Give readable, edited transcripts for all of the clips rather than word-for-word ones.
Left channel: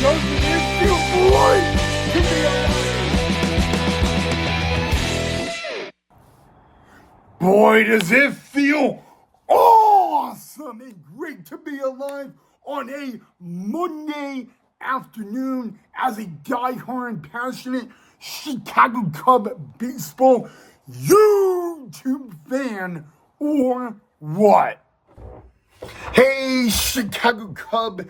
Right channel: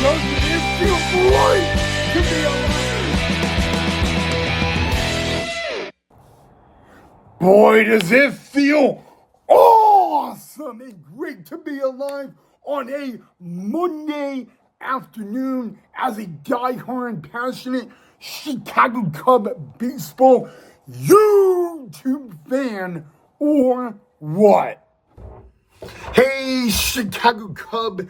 Doesn't it feel great to be alive? Boy, does it feel awesome and great to be alive on a Monday afternoon as a diehard, passionate Chicago Cub baseball YouTube fan, or what? Hey, Chicago Cub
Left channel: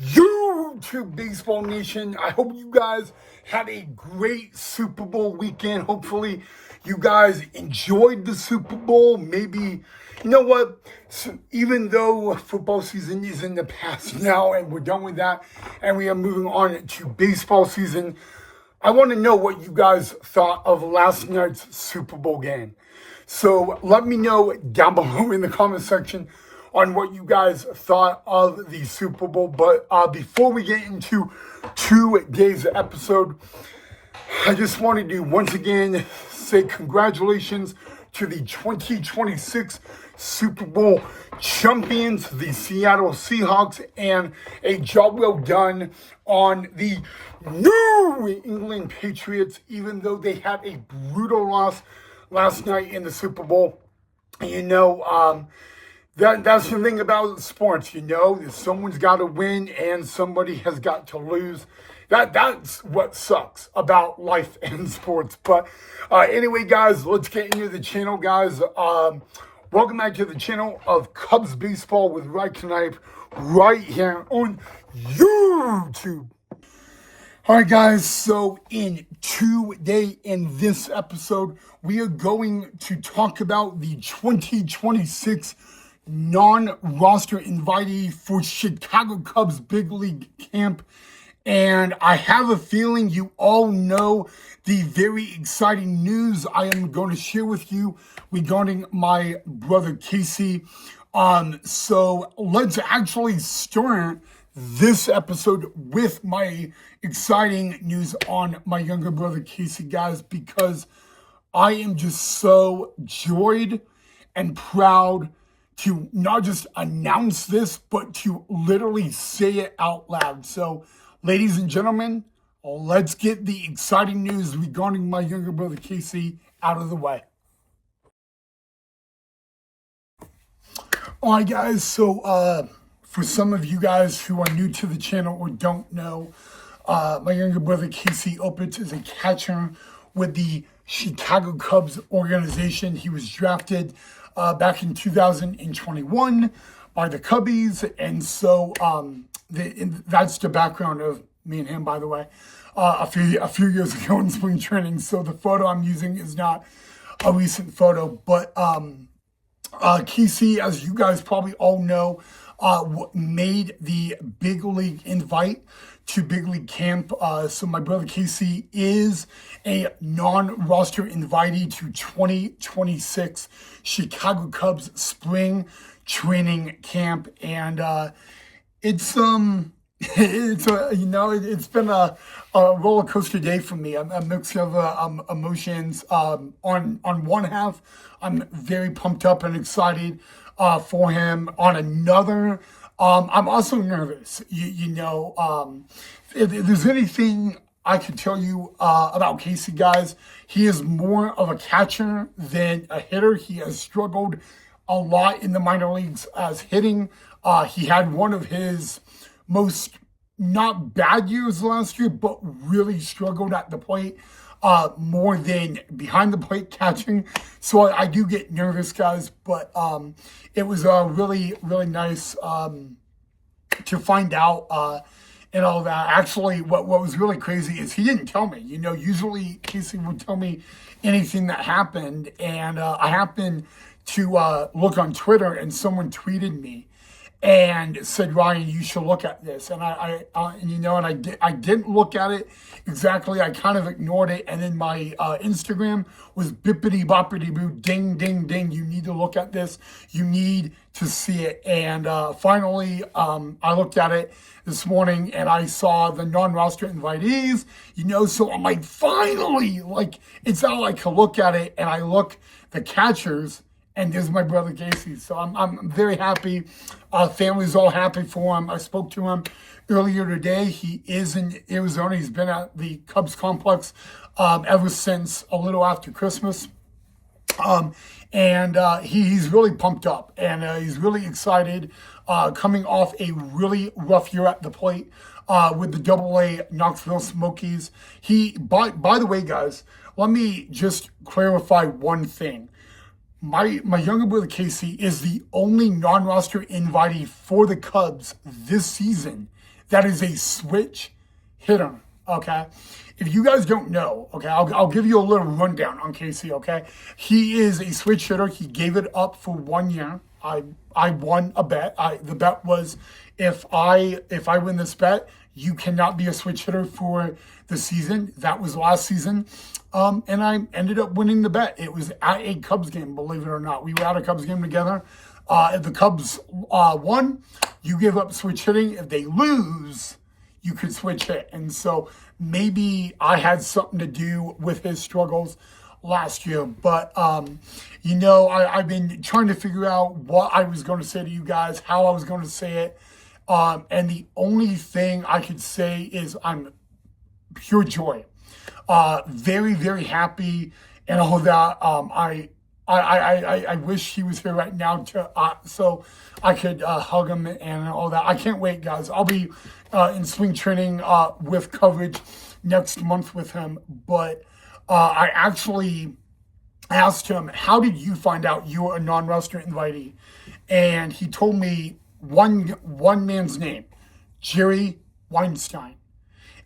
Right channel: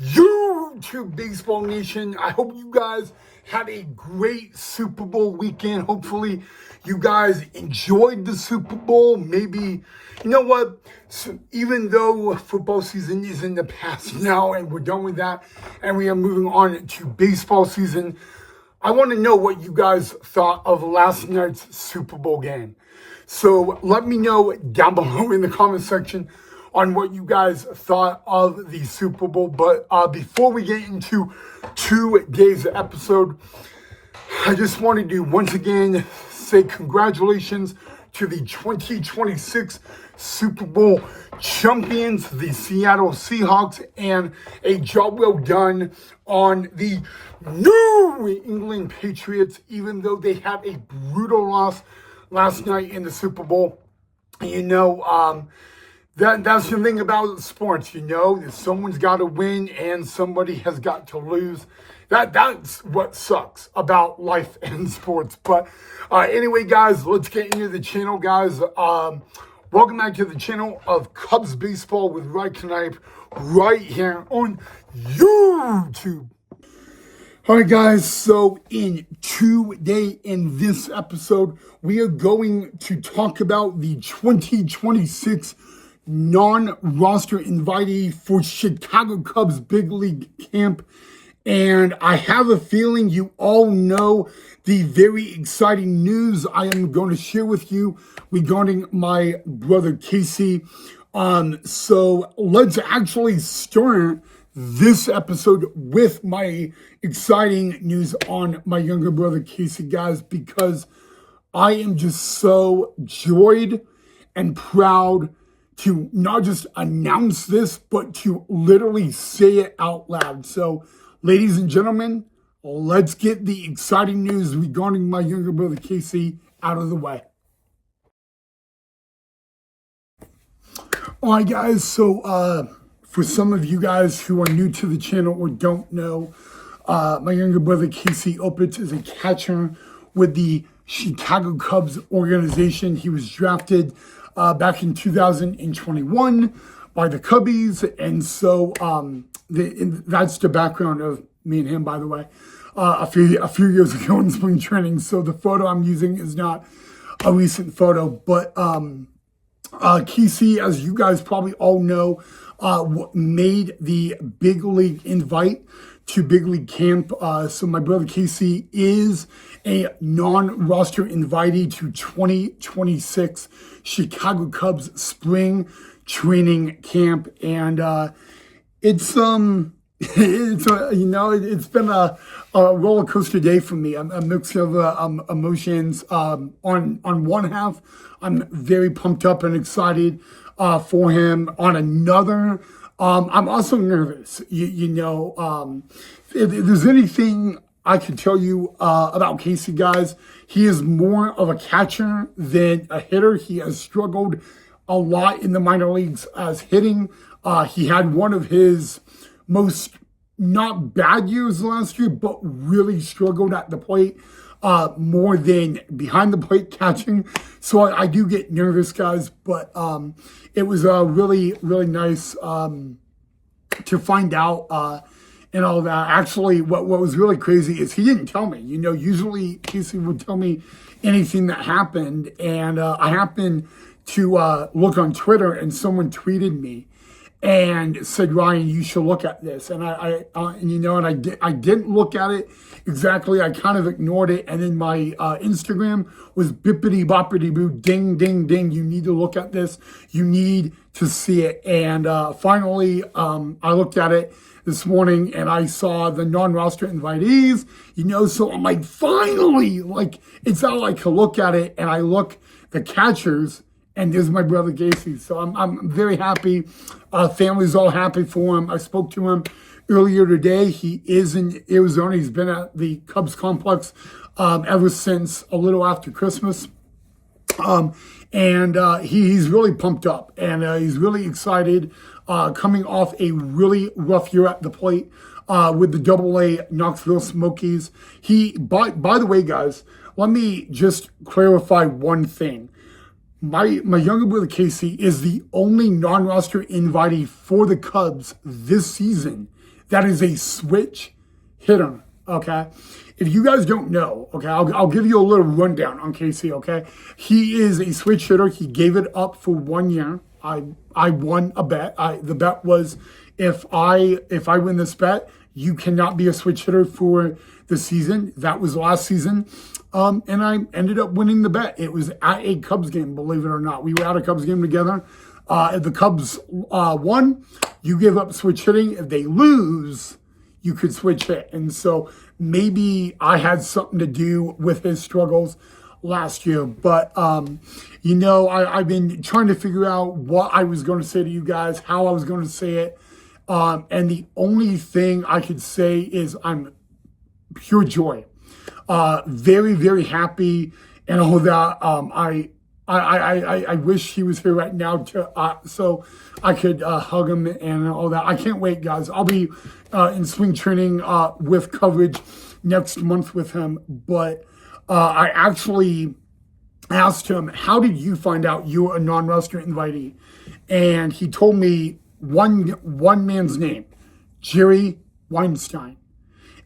YouTube baseball nation. I hope you guys had a great Super Bowl weekend. Hopefully you guys enjoyed the Super Bowl. Maybe, you know what? So even though football season is in the past now and we're done with that and we are moving on to baseball season, I want to know what you guys thought of last night's Super Bowl game. So let me know down below in the comment section on what you guys thought of the Super Bowl. But before we get into today's episode, I just wanted to once again say congratulations to the 2026 Super Bowl champions, the Seattle Seahawks, and a job well done on the New England Patriots, even though they had a brutal loss last night in the Super Bowl. You know, that's the thing about sports, you know, that someone's got to win and somebody has got to lose. That's what sucks about life and sports. But anyway, guys, let's get into the channel, guys. Welcome back to the channel of Cubs Baseball with Ryan Knipe right here on YouTube. All right, guys, so in this episode, we are going to talk about the 2026 non-roster invitee for Chicago Cubs Big League Camp. And I have a feeling you all know the very exciting news I am going to share with you regarding my brother Casey. So let's actually start this episode with my exciting news on my younger brother Casey, guys, because I am just so joyed and proud to not just announce this, but to literally say it out loud. So, ladies and gentlemen, let's get the exciting news regarding my younger brother Casey out of the way. All right, guys, so for some of you guys who are new to the channel or don't know, my younger brother Casey Opitz is a catcher with the Chicago Cubs organization. He was drafted back in 2021 by the Cubbies, and so that's the background of me and him, by the way, a few years ago in spring training. So the photo I'm using is not a recent photo, but Casey, as you guys probably all know, made the big league invite to big league camp. So my brother Casey is a non-roster invitee to 2026 Chicago Cubs spring training camp. And it's been a roller coaster day for me. A mix of emotions. On one half, I'm very pumped up and excited for him. On another, I'm also nervous. If there's anything I could tell you about Casey, guys, he is more of a catcher than a hitter. He has struggled a lot in the minor leagues as hitting. He had one of his most not bad years last year, but really struggled at the plate more than behind the plate catching. So I do get nervous, guys, but it was really, really nice to find out and all that. Actually, what was really crazy is he didn't tell me. You know, usually Casey would tell me anything that happened, and I happened to look on Twitter, and someone tweeted me and said, Ryan, you should look at this. And I didn't look at it exactly. I kind of ignored it. And then my Instagram was bippity boppity boo, ding, ding, ding. You need to look at this. You need to see it. And finally, I looked at it this morning and I saw the non-roster invitees, so I'm like, finally, it's how I can look at it. And I look the catchers, and there's my brother Casey. So I'm very happy. Family's all happy for him. I spoke to him earlier today. He is in Arizona. He's been at the Cubs complex ever since a little after Christmas. He's really pumped up, and he's really excited, coming off a really rough year at the plate with the AA Knoxville Smokies. By the way, guys, let me just clarify one thing. My younger brother Casey is the only non-roster invitee for the Cubs this season that is a switch hitter. Okay, if you guys don't know, okay, I'll give you a little rundown on Casey. Okay, he is a switch hitter. He gave it up for 1 year. I won a bet. The bet was if I win this bet, you cannot be a switch hitter for the season. That was last season. And I ended up winning the bet. It was at a Cubs game, believe it or not. We were at a Cubs game together. If the Cubs won, you give up switch hitting. If they lose, you could switch hit. And so maybe I had something to do with his struggles last year. But, I've been trying to figure out what I was going to say to you guys, how I was going to say it. And the only thing I could say is I'm pure joy. Very, very happy, and all that. I wish he was here right now so I could hug him and all that. I can't wait, guys. I'll be in spring training with coverage next month with him. But I actually asked him, "How did you find out you were a non-roster invitee?" And he told me one man's name, Jerry Weinstein.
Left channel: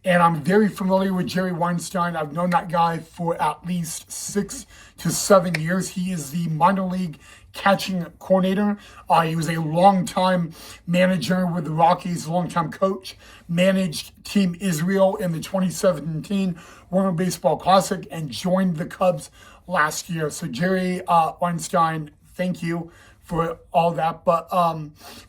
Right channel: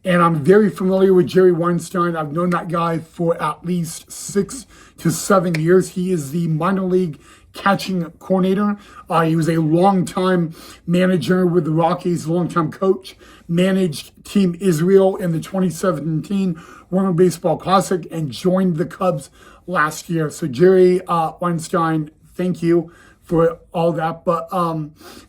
And I'm very familiar with Jerry Weinstein. I've known that guy for at least 6 to 7 years. He is the minor league catching coordinator. He was a longtime manager with the Rockies, longtime coach, managed Team Israel in the 2017 World Baseball Classic, and joined the Cubs last year. So Jerry Weinstein, thank you for all that. But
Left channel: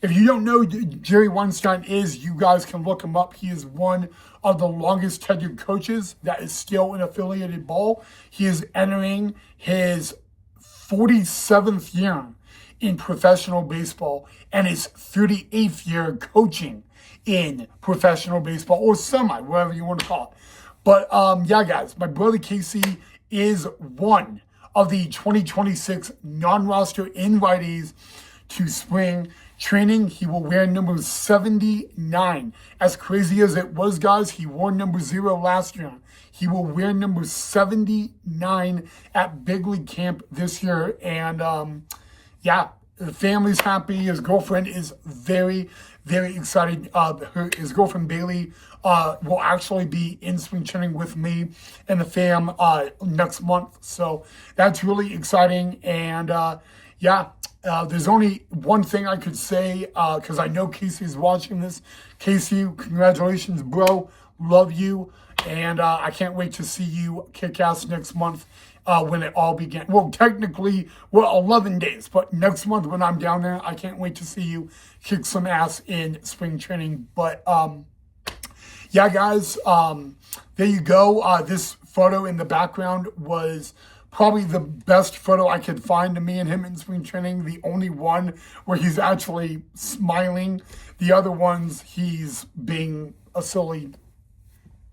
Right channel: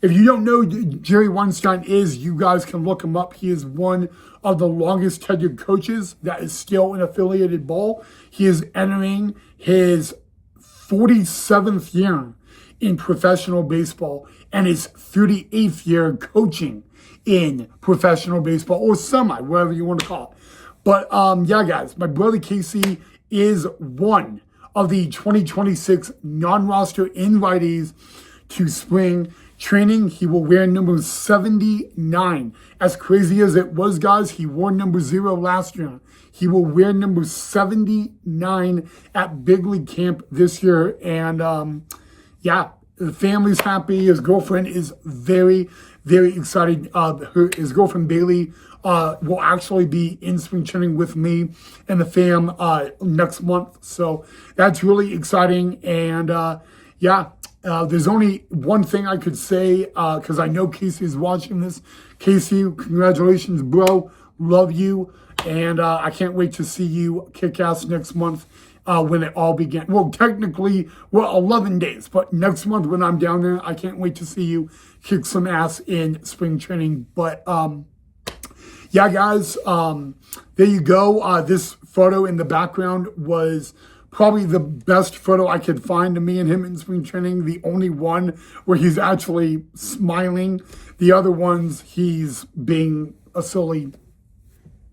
if you don't know who Jerry Weinstein is, you guys can look him up. He is one of the longest tenured coaches that is still in affiliated ball. He is entering his 47th year in professional baseball and his 38th year coaching in professional baseball, or semi, whatever you want to call it. But guys, my brother Casey is one of the 2026 non-roster invitees to spring training. He will wear number 79. As crazy as it was, guys, he wore number 0 last year. He will wear number 79 at Big League Camp this year. And the family's happy. His girlfriend is very, very excited. His girlfriend Bailey will actually be in spring training with me and the fam next month. So that's really exciting. And there's only one thing I could say, because I know Casey is watching this. Casey, congratulations, bro. Love you. And I can't wait to see you kick ass next month when it all begins. Well, technically, 11 days. But next month when I'm down there, I can't wait to see you kick some ass in spring training. But guys, there you go. This photo in the background was probably the best photo I could find of me and him in spring training. The only one where he's actually smiling. The other ones, he's being a silly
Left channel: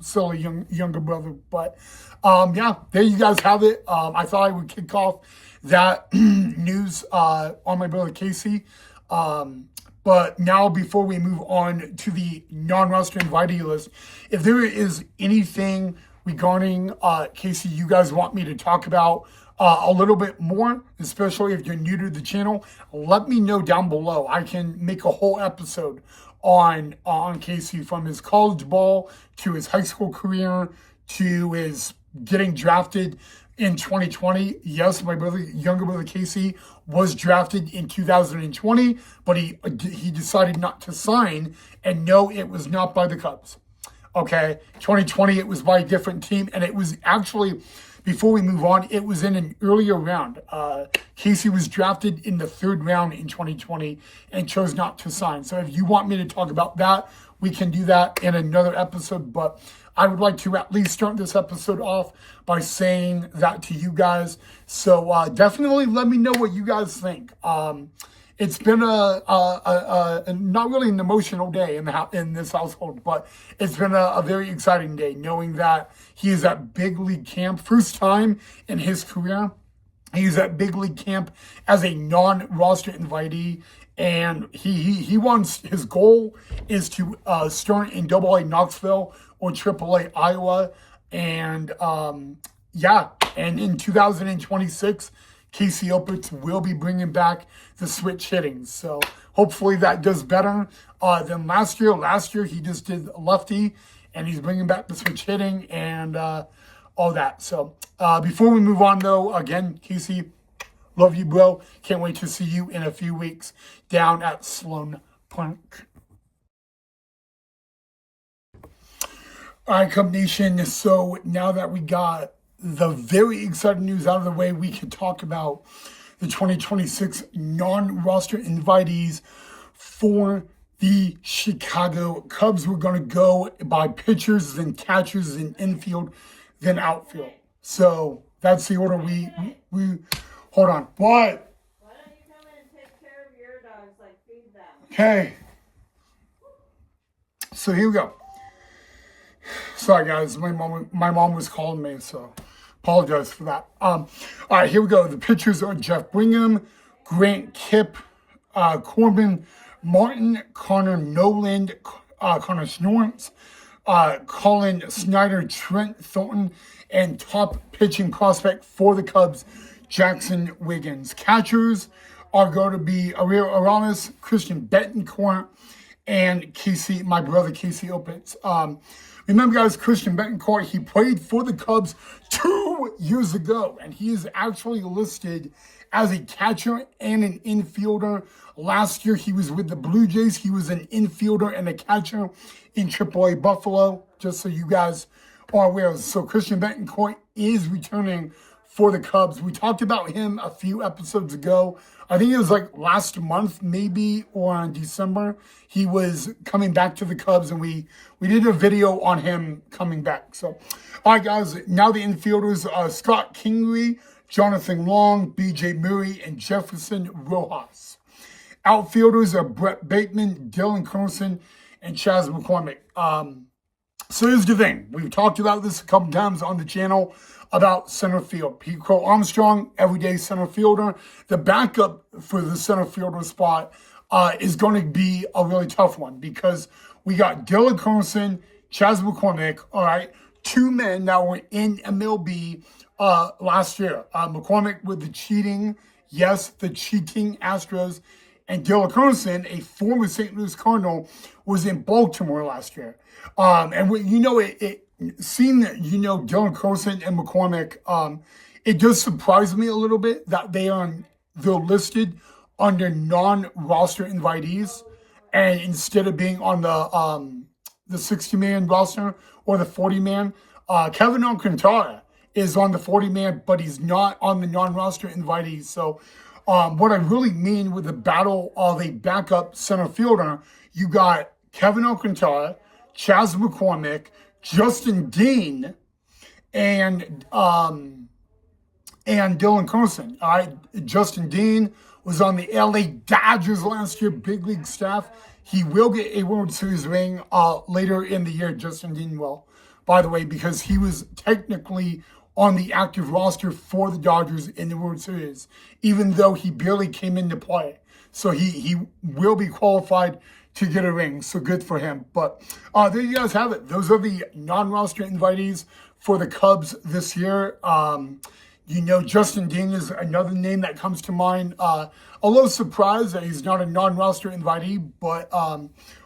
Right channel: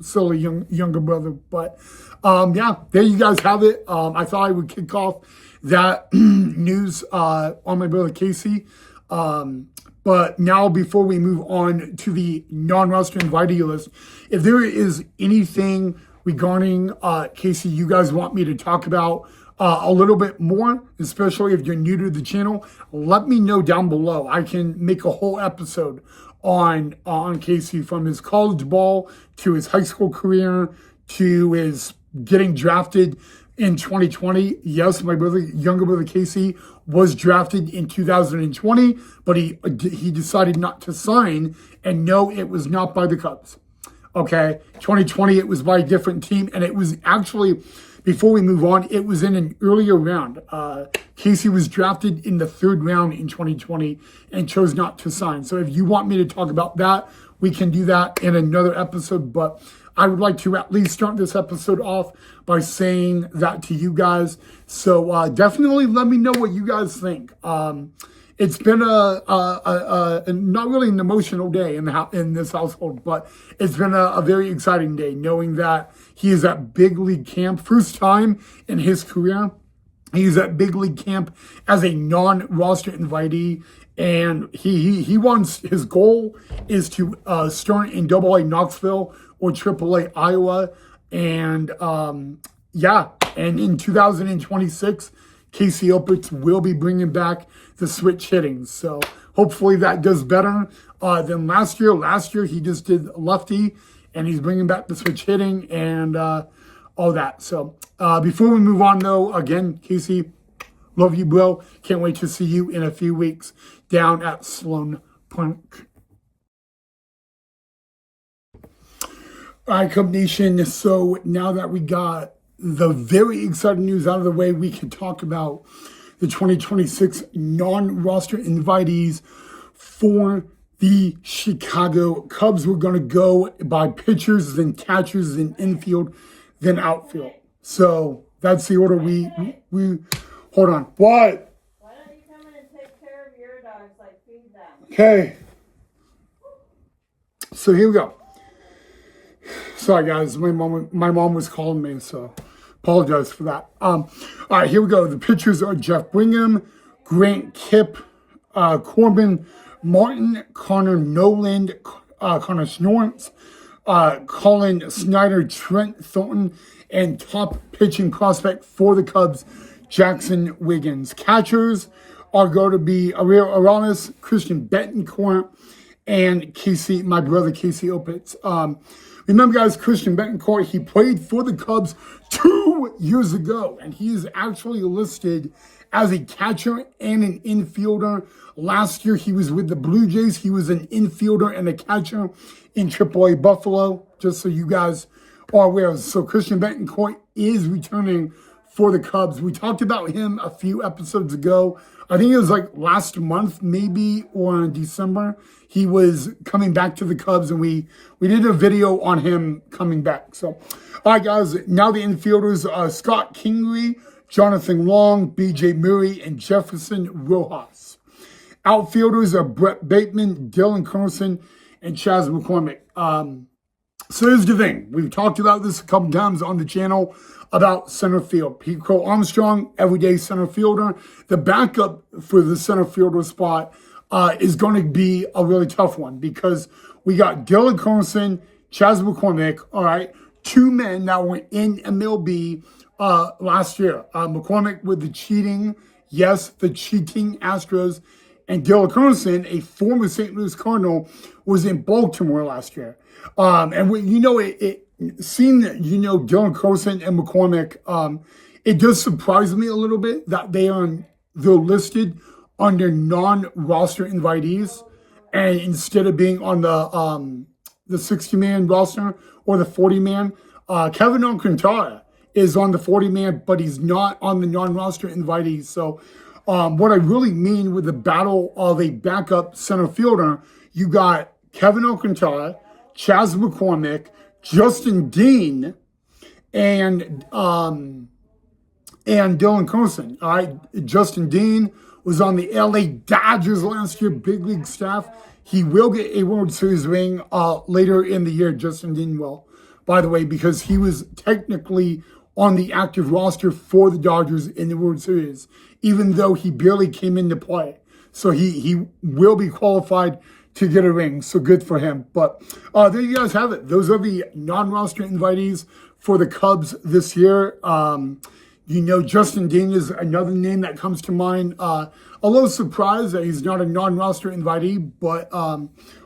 younger brother. But there you guys have it. I thought I would kick off that news on my brother Casey. But now, before we move on to the non-roster invitee list, if there is anything regarding Casey you guys want me to talk about a little bit more, especially if you're new to the channel, let me know down below. I can make a whole episode on Casey, from his college ball to his high school career to his getting drafted in 2020. Yes, my younger brother Casey was drafted in 2020, but he decided not to sign, and no, it was not by the Cubs. Okay, 2020, it was by a different team, and it was actually, before we move on, it was in an earlier round. Casey was drafted in the 3rd round in 2020 and chose not to sign. So if you want me to talk about that, we can do that in another episode, but I would like to at least start this episode off by saying that to you guys. So definitely let me know what you guys think. it's been a not really an emotional day in this household, but it's been a very exciting day knowing that he is at big league camp, first time in his career. He's at big league camp as a non-roster invitee, and he wants, his goal is to start in AA Knoxville or AAA Iowa, and yeah, and in 2026, Casey Opitz will be bringing back the switch hitting. So hopefully that does better than last year. Last year he just did lefty, and he's bringing back the switch hitting and all that. So before we move on, though, again, Casey, love you, bro. Can't wait to see you in a few weeks down at Sloan Park. All right, Cub Nation. So now that we got the very exciting news out of the way, we can talk about the 2026 non-roster invitees for the Chicago Cubs. We're going to go by pitchers, then catchers, then infield, then outfield. So that's the order we hold on. What? Why don't you come in and take care of your dogs, like feed them? Okay. So here we go. Sorry guys, my mom was calling me, so apologize for that. All right, here we go. The pitchers are Jeff Brigham, Grant Kipp, Corbin Martin, Connor Noland, Connor Snortz, Colin Snyder, Trent Thornton, and top pitching prospect for the Cubs, Jackson Wiggins. Catchers are going to be Ariel Aramis, Christian Betancourt, and Casey, my brother Casey Opitz. Remember, guys, Christian Betancourt, he played for the Cubs 2 years ago, and he is actually listed as a catcher and an infielder. Last year, he was with the Blue Jays. He was an infielder and a catcher in AAA Buffalo, just so you guys are aware. So Christian Betancourt is returning for the Cubs. We talked about him a few episodes ago. I think it was like last month, maybe, or in December. He was coming back to the Cubs, and we did a video on him coming back. So, all right, guys, now the infielders are Scott Kingery, Jonathan Long, B.J. Murray, and Jefferson Rojas. Outfielders are Brett Bateman, Dylan Carlson, and Chas McCormick. So here's the thing. We've talked about this a couple times on the channel about center field. Pete Crow Armstrong, everyday center fielder. The backup for the center fielder spot is going to be a really tough one because we got Dylan Carlson, Chas McCormick, all right, two men that were in MLB last year. McCormick with the cheating Astros, and Dylan Carlson, a former St. Louis Cardinal, was in Baltimore last year. And seeing Dylan Carlson and McCormick, it does surprise me a little bit that they're listed under non-roster invitees, and instead of being on the 60-man roster or the 40-man, Kevin Alcantara is on the 40-man, but he's not on the non-roster invitees. So what I really mean with the battle of a backup center fielder, you got Kevin Alcantara, Chas McCormick, Justin Dean, and Dylan Carlson. All right, Justin Dean was on the LA Dodgers last year, big league staff. He will get a World Series ring later in the year, Justin Dean will, by the way, because he was technically on the active roster for the Dodgers in the World Series, even though he barely came into play. So he will be qualified to get a ring, so good for him. But there you guys have it. Those are the non-roster invitees for the Cubs this year. Justin Dean is another name that comes to mind. A little surprised that he's not a non-roster invitee, but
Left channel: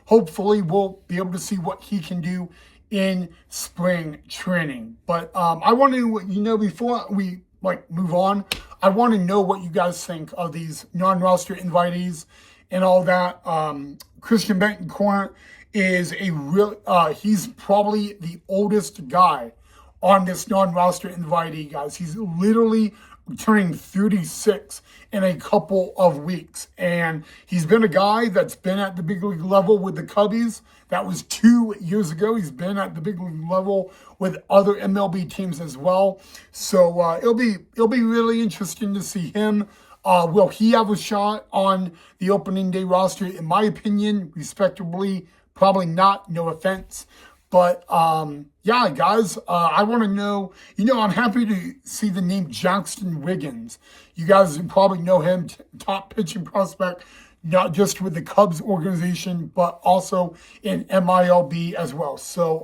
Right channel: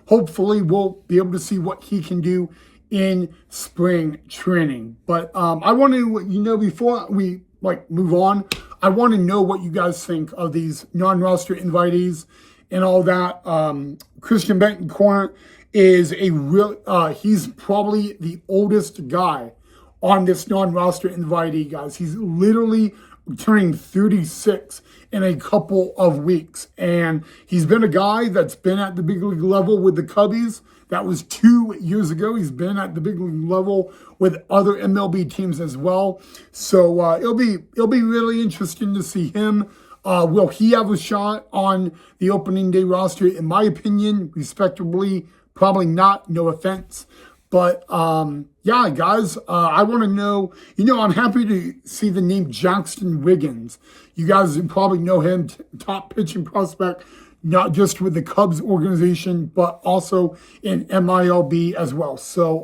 hopefully we'll be able to see what he can do in spring training. But I want to, before we move on, I want to know what you guys think of these non-roster invitees and all that. Christian Betancourt is he's probably the oldest guy on this non-roster invitee, guys. He's literally turning 36 in a couple of weeks. And he's been a guy that's been at the big league level with the Cubbies. That was 2 years ago. He's been at the big league level with other MLB teams as well. So it'll be really interesting to see him Will he have a shot on the opening day roster? In my opinion, respectably, probably not. No offense. But yeah, guys, I want to know, I'm happy to see the name Jackson Wiggins. You guys probably know him, top pitching prospect, not just with the Cubs organization, but also in MILB as well. So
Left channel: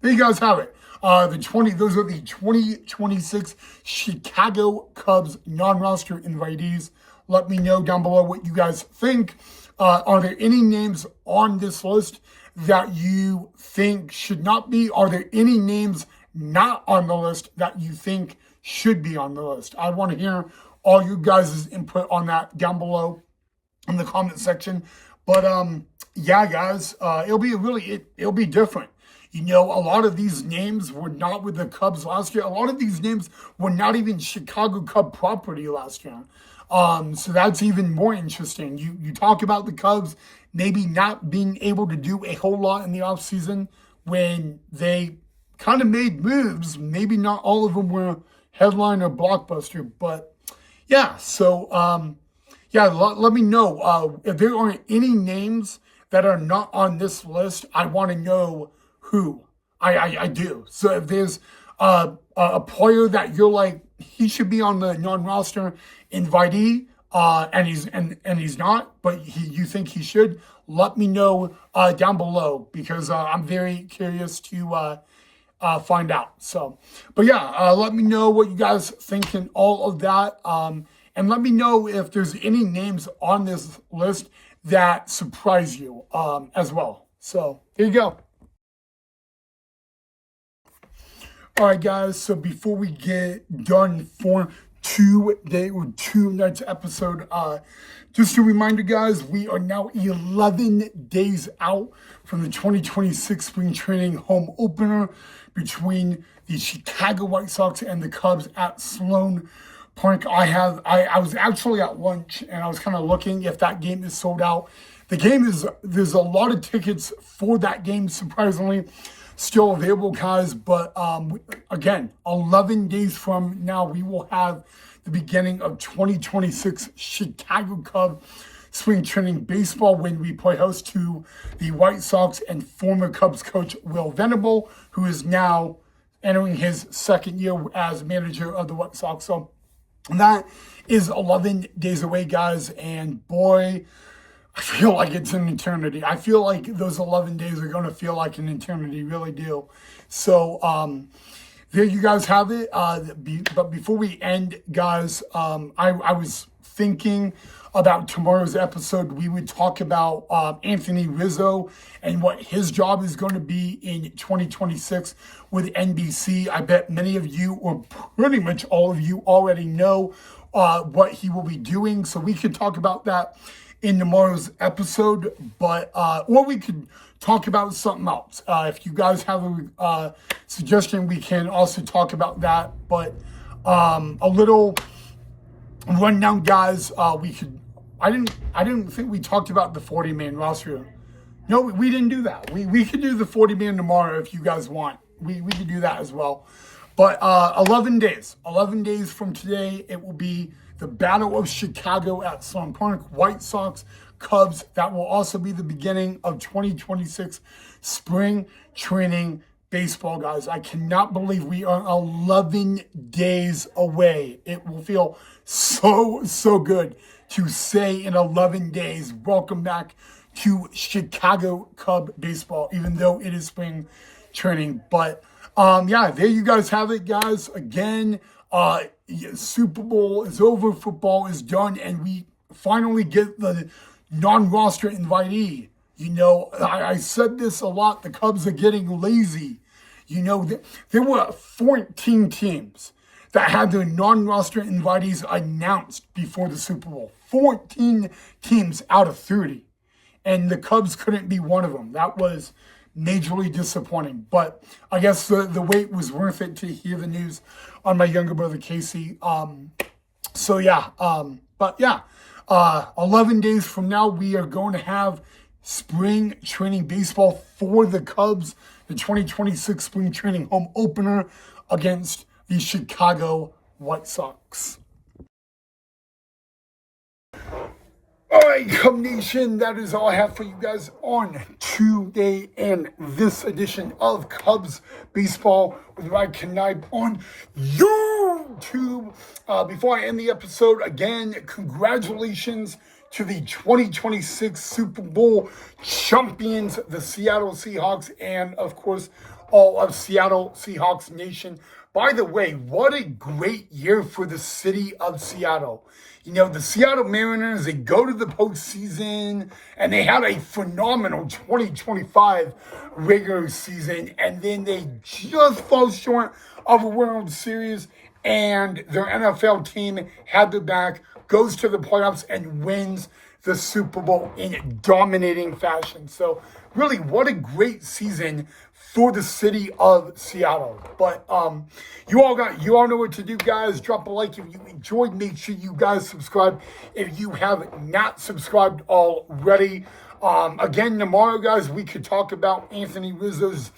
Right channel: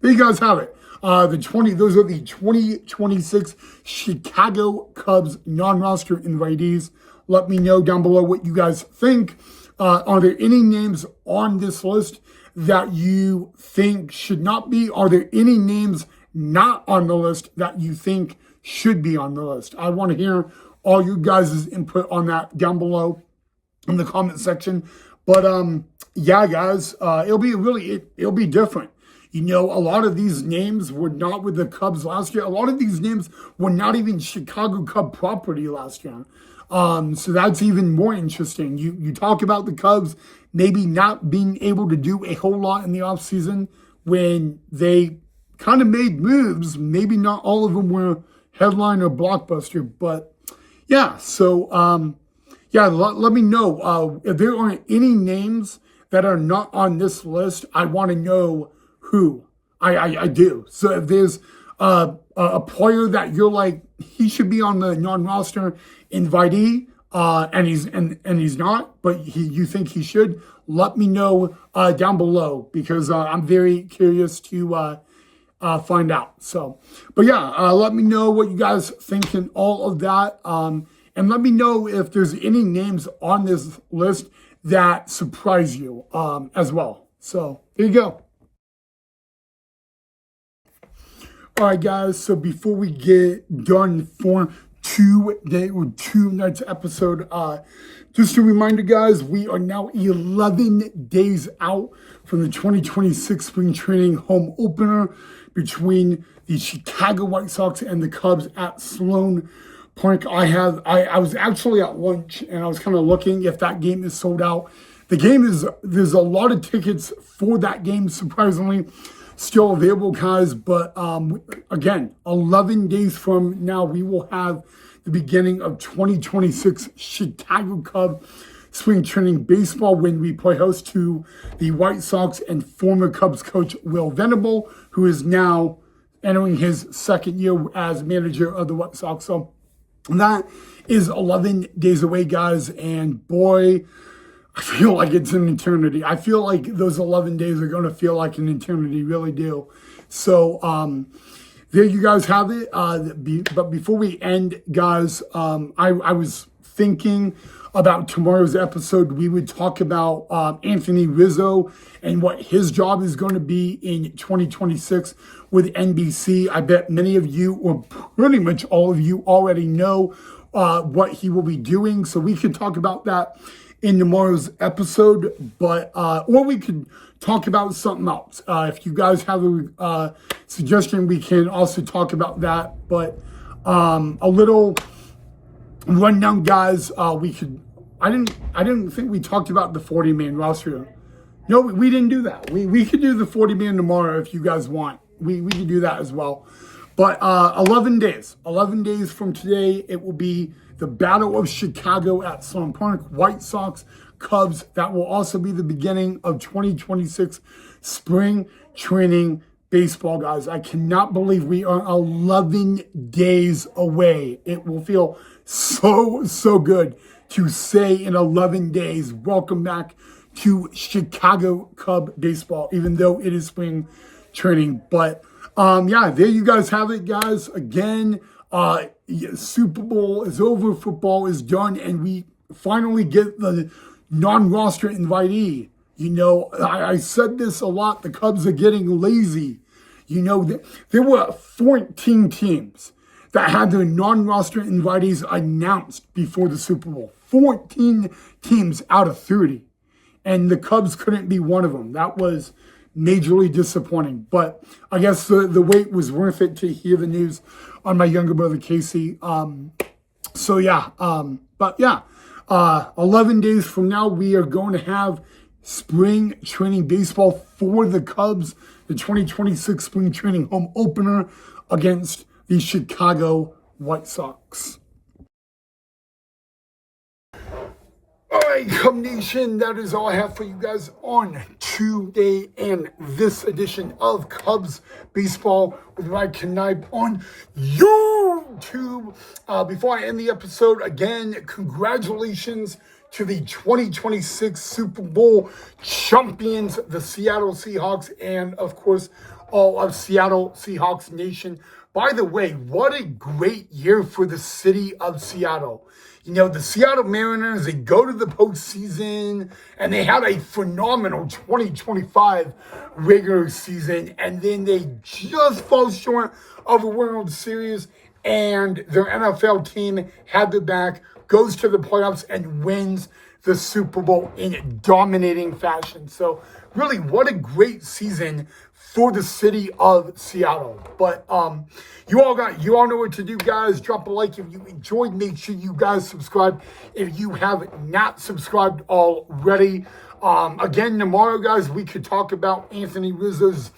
there you guys have it. Those are the 2026 Chicago Cubs non-roster invitees. Let me know down below what you guys think. Are there any names on this list that you think should not be? Are there any names not on the list that you think should be on the list? I want to hear all you guys' input on that down below in the comment section. But yeah, guys, it'll be different. A lot of these names were not with the Cubs last year. A lot of these names were not even Chicago Cub property last year. So that's even more interesting. You talk about the Cubs maybe not being able to do a whole lot in the offseason when they kind of made moves. Maybe not all of them were headline or blockbuster, but yeah. So yeah, let me know if there are any names that are not on this list. I want to know who. I do. So if there's a player that you're like, he should be on the non-roster invitee, and he's not, but you think he should, let me know down below, because I'm very curious to find out. So, but yeah, let me know what you guys think in all of that, and let me know if there's any names on this list that surprise you as well. So there you go. All right, guys, so before we get done for tonight's episode, just a reminder, guys, we are now 11 days out from the 2026 spring training home opener between the Chicago White Sox and the Cubs at Sloan Park. I was actually at lunch, and I was kind of looking if that game is sold out. There's a lot of tickets for that game, surprisingly, still available, guys. But again, 11 days from now, we will have the beginning of 2026 Chicago Cub spring training baseball when we play host to the White Sox and former Cubs coach Will Venable, who is now entering his second year as manager of the White Sox. So that is 11 days away, guys. And boy, I feel like it's an eternity. I feel like those 11 days are going to feel like an eternity, really do. So there you guys have it. But before we end, guys, I was thinking about tomorrow's episode. We would talk about Anthony Rizzo and what his job is going to be in 2026 with NBC. I bet many of you, or pretty much all of you, already know what he will be doing. So we could talk about that in tomorrow's episode, but or we could talk about something else. If you guys have a suggestion, we can also talk about that. But a little rundown, guys. We could. I didn't think we talked about the 40-man roster. No, we didn't do that. We could do the 40-man tomorrow if you guys want. We could do that as well. But 11 days from today, it will be the Battle of Chicago at Sloan Park. White Sox, Cubs. That will also be the beginning of 2026 spring training baseball, guys. I cannot believe we are 11 days away. It will feel so good to say in 11 days, welcome back to Chicago Cub baseball, even though it is spring training. But yeah, there you guys have it, guys. Again, Super Bowl is over, football is done, and we finally get the non-roster invitee. I said this a lot, the Cubs are getting lazy. There were 14 teams that had their non-roster invitees announced before the Super Bowl. 14 teams out of 30. And the Cubs couldn't be one of them. That was majorly disappointing. But I guess the wait was worth it to hear the news on my younger brother, Casey. So yeah, but yeah, 11 days from now, we are going to have spring training baseball for the Cubs, the 2026 spring training home opener against the Chicago White Sox. All right, Cub Nation, that is all I have for you guys on today and this edition of Cubs Baseball with Ryan Knipe on YouTube. Before I end the episode, again, congratulations to the 2026 Super Bowl champions, the Seattle Seahawks, and of course, all of Seattle Seahawks Nation. By the way, what a great year for the city of Seattle. You know, the Seattle Mariners, they go to the postseason, and they had a phenomenal 2025 regular season, and then they just fall short of a World Series, and their NFL team had their back, goes to the playoffs, and wins the Super Bowl in dominating fashion. So, really, what a great season for the city of Seattle. But you all know what to do, guys. Drop a like if you enjoyed. Make sure you guys subscribe if you have not subscribed already. Again, tomorrow, guys, we could talk about Anthony Rizzo's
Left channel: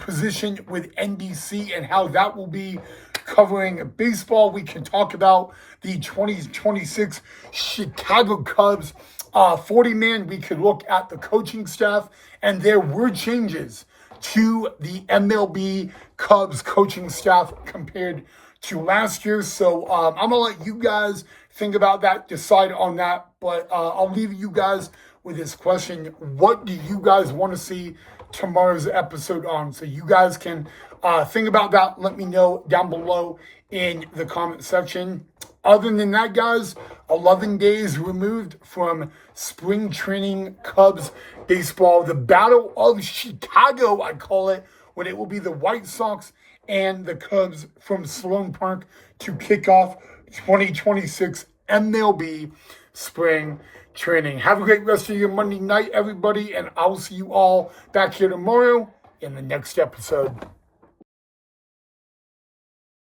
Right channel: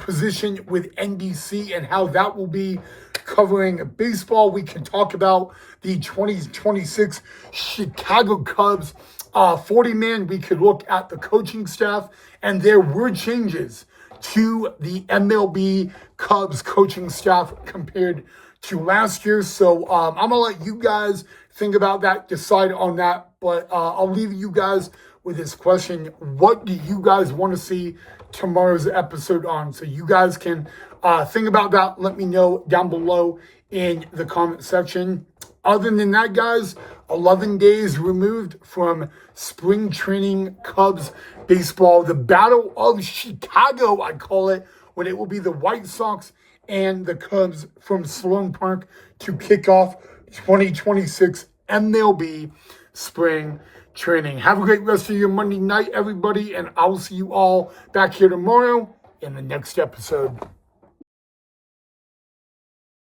position with NBC and how that will be covering baseball. We can talk about the 2026 Chicago Cubs 40-man. We could look at the coaching staff, and there were changes to the MLB Cubs coaching staff compared to last year. So I'm going to let you guys think about that, decide on that. But I'll leave you guys with this question. What do you guys want to see tomorrow's episode on? So you guys can think about that. Let me know down below in the comment section. Other than that, guys, 11 days removed from spring training Cubs baseball, the Battle of Chicago, I call it, when it will be the White Sox and the Cubs from Sloan Park to kick off 2026 MLB spring training. Have a great rest of your Monday night, everybody, and I'll see you all back here tomorrow in the next episode.